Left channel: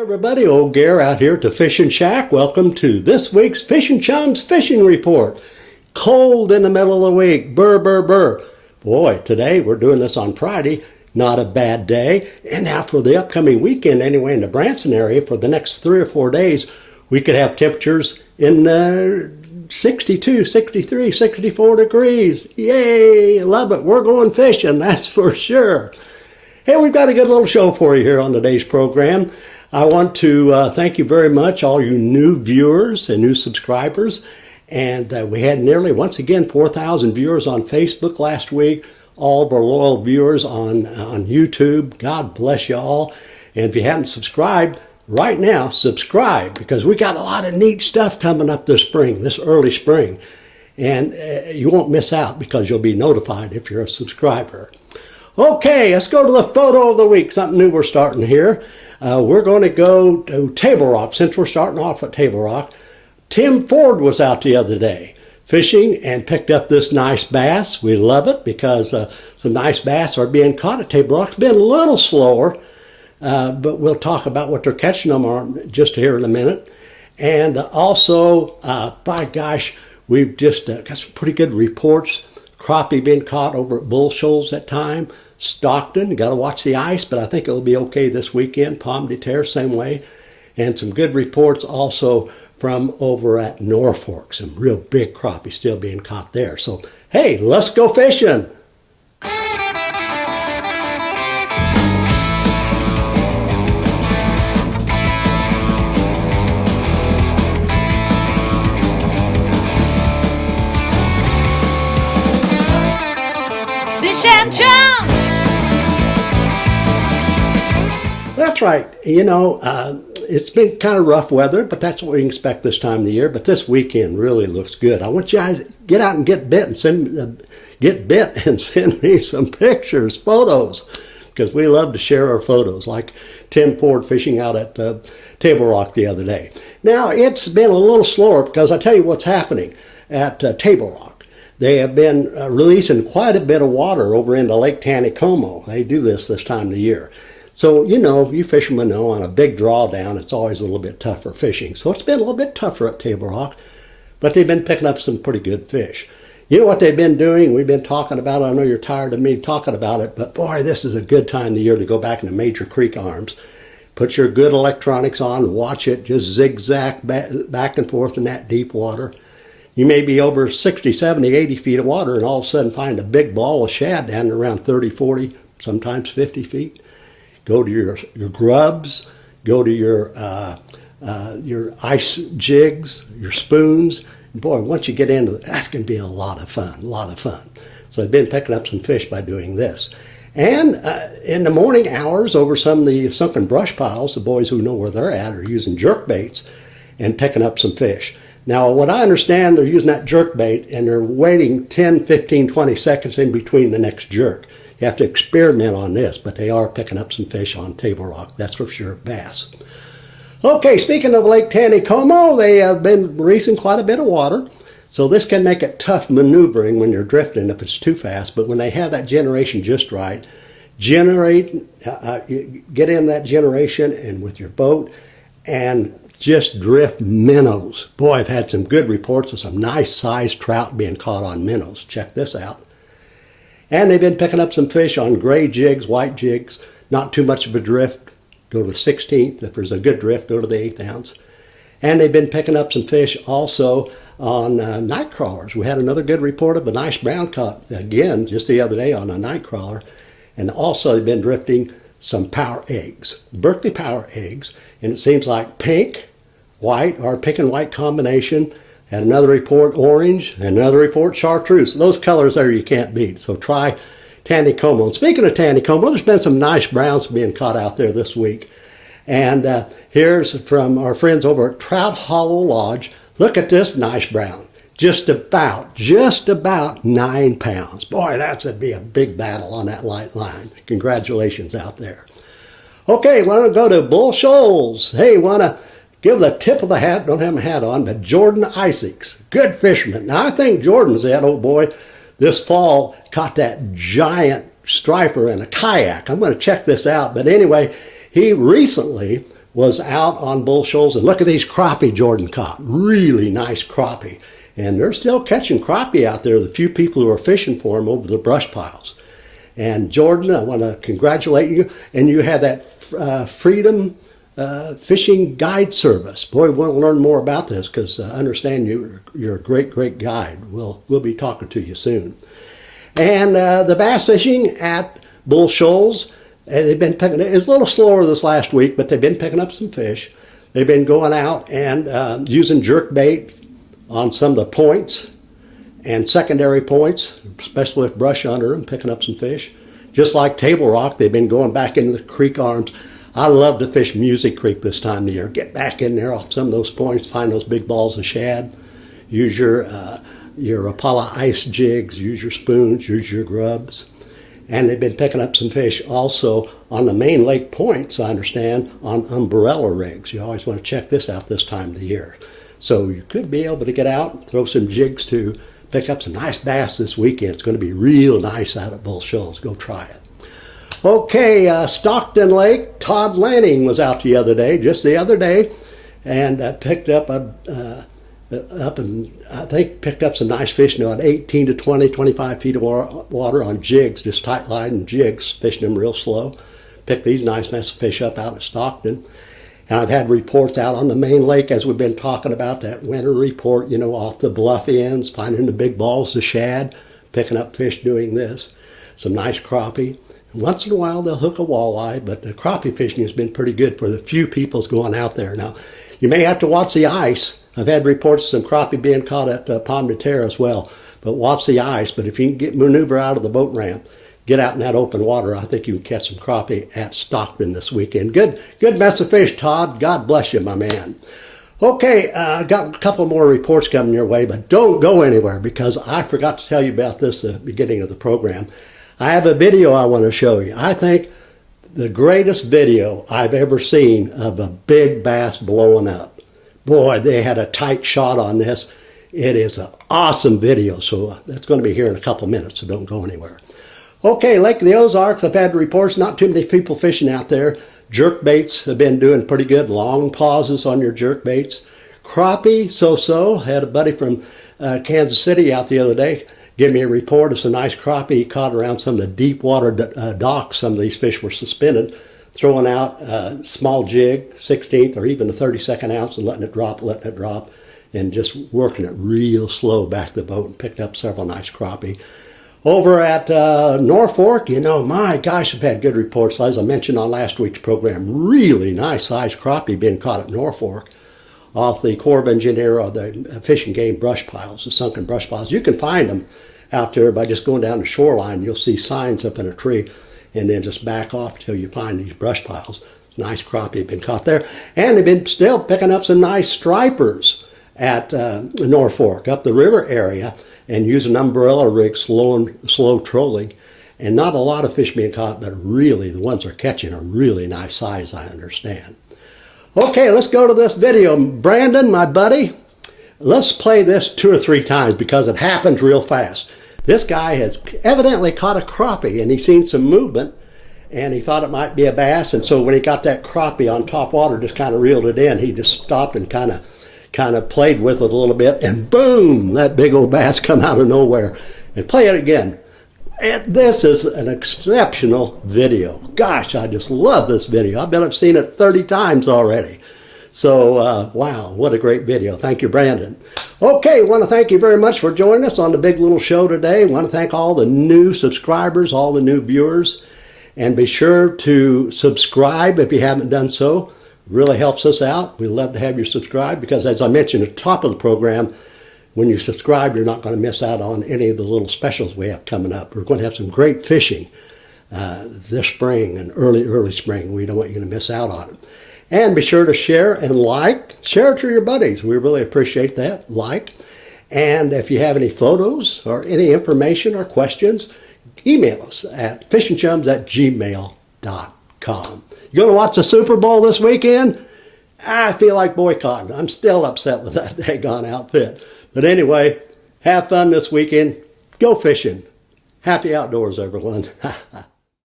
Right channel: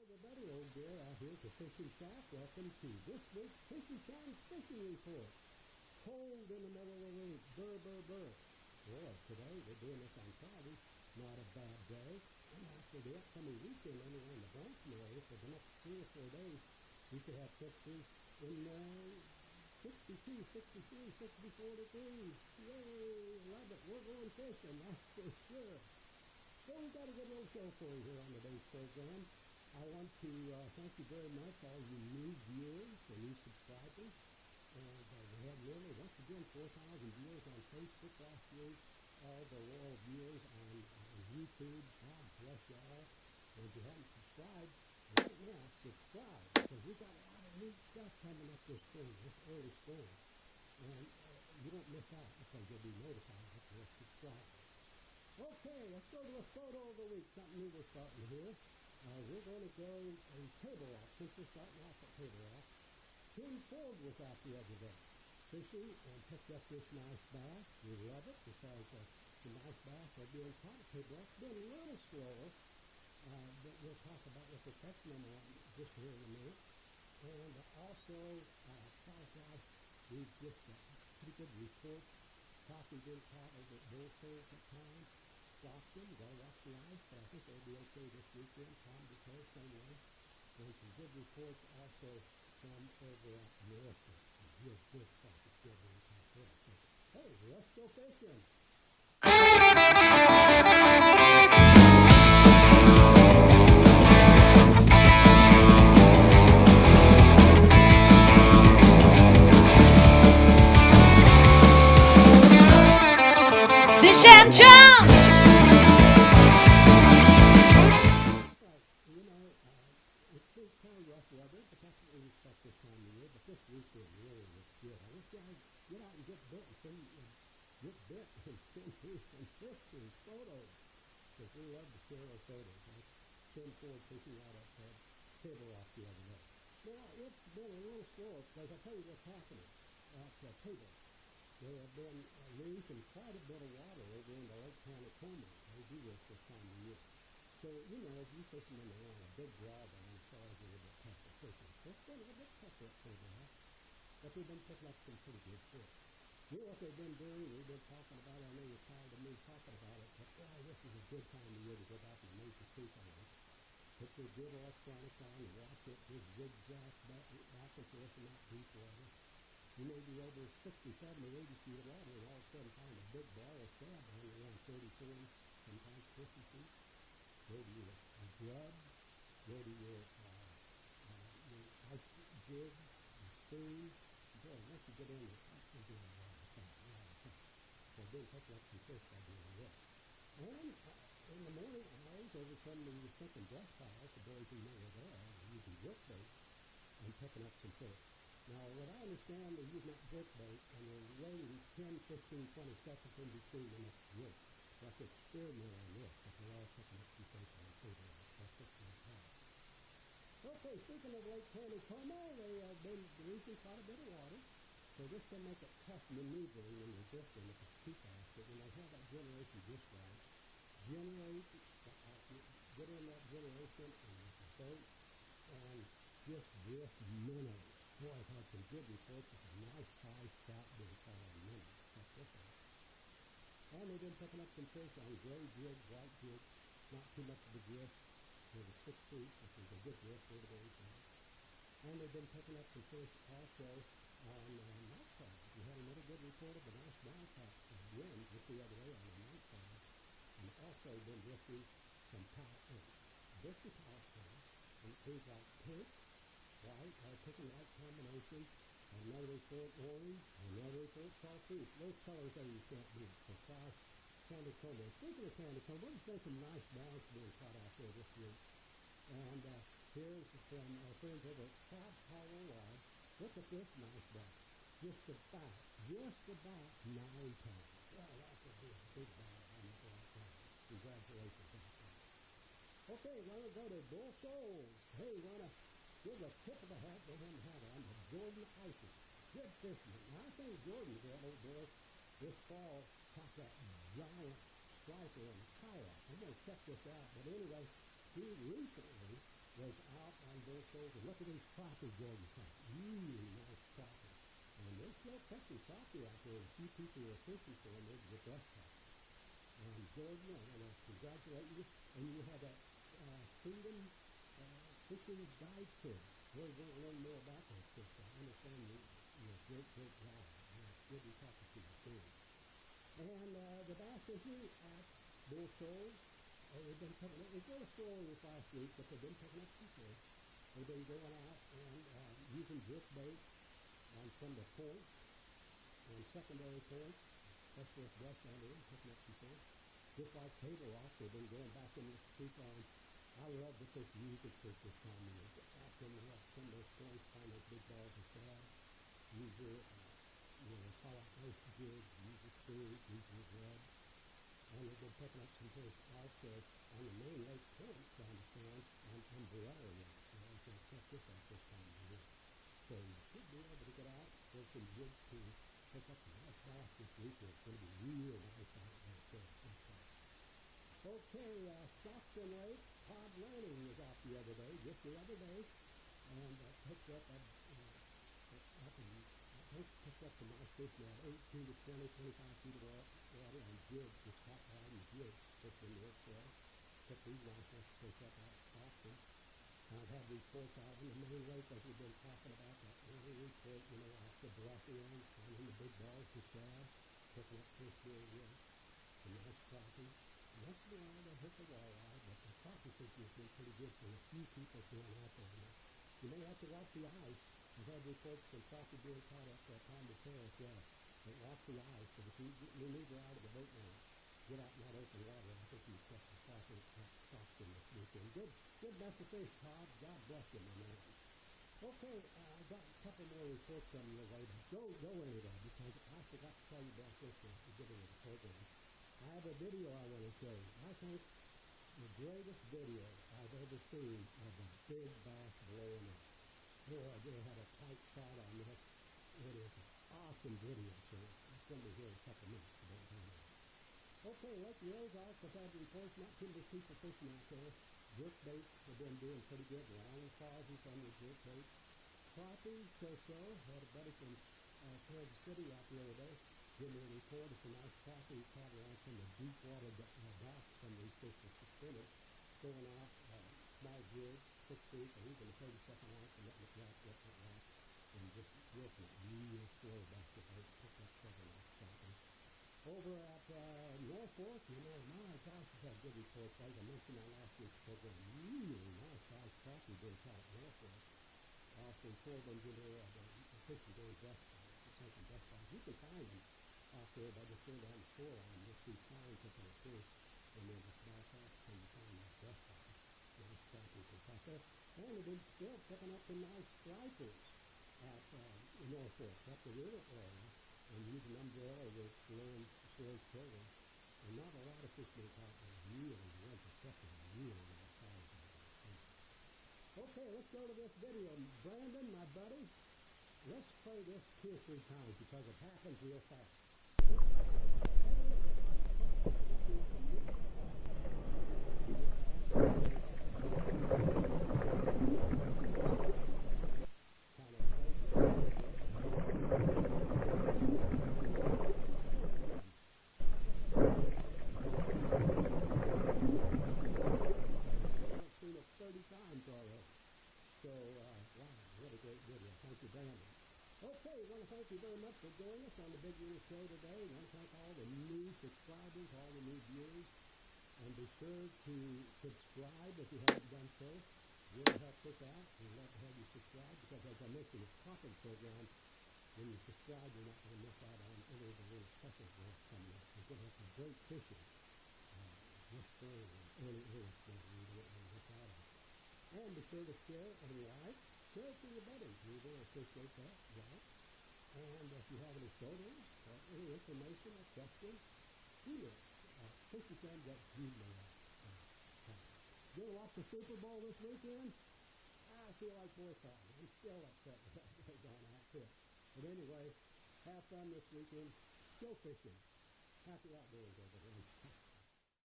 Everybody, old Gare out here at the Fishing Shack. Welcome to this week's Fishing Chums Fishing Report. Cold in the middle of the week, burr, burr, burr. Boy, today we're doing this on Friday, not a bad day. And now for the upcoming weekend anyway in the Branson area, for the next 3 or 4 days, we could have temperatures in the 62, 63, 64 degrees. Yay, love it. We're going fishing, that's for sure. Hey, we've got a good little show for you here on today's program. I want to thank you very much, all you new viewers and new subscribers. And we had nearly, once again, 4,000 viewers on Facebook last week. All of our loyal viewers on YouTube. God bless you all. And if you haven't subscribed, right now, subscribe, because we got a lot of neat stuff coming up this spring, this early spring. And you won't miss out because you'll be notified if you're a subscriber. Okay, let's go to the photo of the week. Something new we're starting here. We're going to go to Table Rock. Since we're starting off at Table Rock, Tim Ford was out the other day fishing and picked up this nice bass. We love it because some nice bass are being caught at Table Rock. It's been a little slower, but we'll talk about what they're catching them on just here in a minute. And also, by gosh, we've just got some pretty good reports. Crappie being caught over at Shoals that time. Stockton, got to watch the ice, but I think it'll be okay this weekend. Pomme de terre, same way. And some good reports also from over at Norfolk. Some real big crappie still being caught there. So, hey, let's go fishing. Fish and Chums! That's right. You know, it's been kind of rough weather, but that's what we can expect this time of the year. But this weekend really looks good. I want you guys to get out and get bit and send me some pictures, photos, because we love to share our photos, like Tim Ford fishing out at Table Rock the other day. Now, it's been a little slower because I tell you what's happening at Table Rock. They have been releasing quite a bit of water over into Lake Taneycomo. They do this time of the year. So, you know, you fishermen know on a big drawdown, it's always a little bit tougher fishing. So it's been a little bit tougher at Table Rock, but they've been picking up some pretty good fish. You know what they've been doing? We've been talking about it. I know you're tired of me talking about it, but boy, this is a good time of the year to go back into major creek arms. Put your good electronics on, watch it, just zigzag back and forth in that deep water. You may be over 60, 70, 80 feet of water and all of a sudden find a big ball of shad down around 30, 40, sometimes 50 feet. Go to your grubs, go to your ice jigs, your spoons. And boy, once you get into it, that's going to be a lot of fun, So I've been picking up some fish by doing this. And in the morning hours over some of the sunken brush piles, the boys who know where they're at are using jerk baits and picking up some fish. Now, what I understand, they're using that jerk bait and they're waiting 10, 15, 20 seconds in between the next jerk. You have to experiment on this, but they are picking up some fish on Table Rock, that's for sure, bass. Okay, speaking of Lake Taneycomo, they have been releasing quite a bit of water, so this can make it tough maneuvering when you're drifting if it's too fast, but when they have that generation just right, get in that generation and with your boat and just drift minnows. Boy, I've had some good reports of some nice sized trout being caught on minnows. Check this out. And they've been picking up some fish on gray jigs, white jigs, not too much of a drift. Go to the 16th. If there's a good drift, go to the 1/8 ounce. And they've been picking up some fish also on night crawlers. We had another good report of a nice brown caught again just the other day on a night crawler. And also they've been drifting some power eggs, Berkeley power eggs. And it seems like pink, white, or pink and white combination. Had another report orange, and another report chartreuse. Those colors there you can't beat. So try Taneycomo. And speaking of Taneycomo, there's been some nice browns being caught out there this week. And here's from our friends over at Trout Hollow Lodge. Look at this nice brown. Just about 9 pounds. Boy, that'd be a big battle on that light line. Congratulations out there. Okay, want to go to Shoals. Hey, want to give the tip of the hat, don't have my hat on, but Jordan Isaacs, good fisherman. Now, I think Jordan's that old boy this fall caught that giant striper in a kayak. I'm going to check this out. But anyway, he recently was out on Bull Shoals, and look at these crappie Jordan caught. Really nice crappie. And they're still catching crappie out there, the few people who are fishing for them over the brush piles. And Jordan, I want to congratulate you. And you had that Freedom Fishing Guide Service. Boy, we want to learn more about this because I understand you're a great, great guide. We'll be talking to you soon. And the bass fishing at Bull Shoals, they've been picking, it's a little slower this last week, but they've been picking up some fish. They've been going out and using jerk bait on some of the points and secondary points, especially with brush under them, picking up some fish. Just like Table Rock, they've been going back into the creek arms. I love to fish Music Creek this time of year. Get back in there off some of those points, find those big balls of shad. Use your Apollo ice jigs, use your spoons, use your grubs. And they've been picking up some fish also on the main lake points, I understand, on umbrella rigs. You always want to check this out this time of the year. So you could be able to get out, throw some jigs to pick up some nice bass this weekend. It's going to be real nice out at Bull Shoals. Go try it. Okay, Stockton Lake, Todd Lanning was out just the other day, and picked up picked up some nice fish now at 18 to 20, 25 feet of water on jigs, just tight line jigs, fishing them real slow. Picked these nice mess of fish up out of Stockton. And I've had reports out on the main lake, as we've been talking about, that winter report, off the bluff ends, finding the big balls of shad, picking up fish doing this. Some nice crappie. And once in a while they'll hook a walleye, but the crappie fishing has been pretty good for the few people's going out there. Now, you may have to watch the ice. I've had reports of some crappie being caught at Pomme de Terre as well, but watch the ice. But if you can maneuver out of the boat ramp, get out in that open water, I think you can catch some crappie at Stockton this weekend. Good mess of fish, Todd. God bless you, my man. Okay, got a couple more reports coming your way, but don't go anywhere because I forgot to tell you about this at the beginning of the program. I have a video I want to show you. I think the greatest video I've ever seen of a big bass blowing up. Boy, they had a tight shot on this. It is an awesome video, so that's going to be here in a couple minutes, so don't go anywhere. Okay, Lake of the Ozarks, I've had reports, not too many people fishing out there. Jerk baits have been doing pretty good, long pauses on your jerk baits. Crappie, so-so. Had a buddy from Kansas City out the other day give me a report of some nice crappie he caught around some of the deep water docks. Some of these fish were suspended, throwing out a small jig, 16th or even a 32nd ounce, and letting it drop, and just working it real slow back to the boat, and picked up several nice crappie. Over at Norfolk, my gosh, I've had good reports. As I mentioned on last week's program, really nice sized crappie being caught at Norfolk off the Corps of Engineer or the fishing game brush piles, the sunken brush piles. You can find them out there by just going down the shoreline. You'll see signs up in a tree, and then just back off till you find these brush piles. Nice crappie have been caught there. And they've been still picking up some nice stripers at Norfolk, up the river area, and using umbrella rigs, slow trolling. And not a lot of fish being caught, but really the ones they're catching are really nice size, I understand. Okay, let's go to this video. Brandon, my buddy, let's play this 2 or 3 times because it happens real fast. This guy has evidently caught a crappie, and he's seen some movement, and he thought it might be a bass. And so when he got that crappie on top water, just kind of reeled it in. He just stopped and kind of played with it a little bit, and boom, that big old bass come out of nowhere. And play it again. And this is an exceptional video. Gosh, I just love this video. I bet I've seen it 30 times already. So, wow, what a great video. Thank you, Brandon. Okay, want to thank you very much for joining us on the Big Little Show today. Want to thank all the new subscribers, all the new viewers, and be sure to subscribe if you haven't done so. It really helps us out. We'd love to have you subscribe because, as I mentioned at the top of the program, when you subscribe, you're not going to miss out on any of the little specials we have coming up. We're going to have some great fishing this spring and early spring. We don't want you to miss out on it. And be sure to share and like. Share it to your buddies. We really appreciate that. Like. And if you have any photos or any information or questions, email us at fishingchums@gmail.com. You going to watch the Super Bowl this weekend? I feel like boycotting. I'm still upset with that daggone outfit. But anyway, have fun this weekend. Go fishing. Happy outdoors, everyone.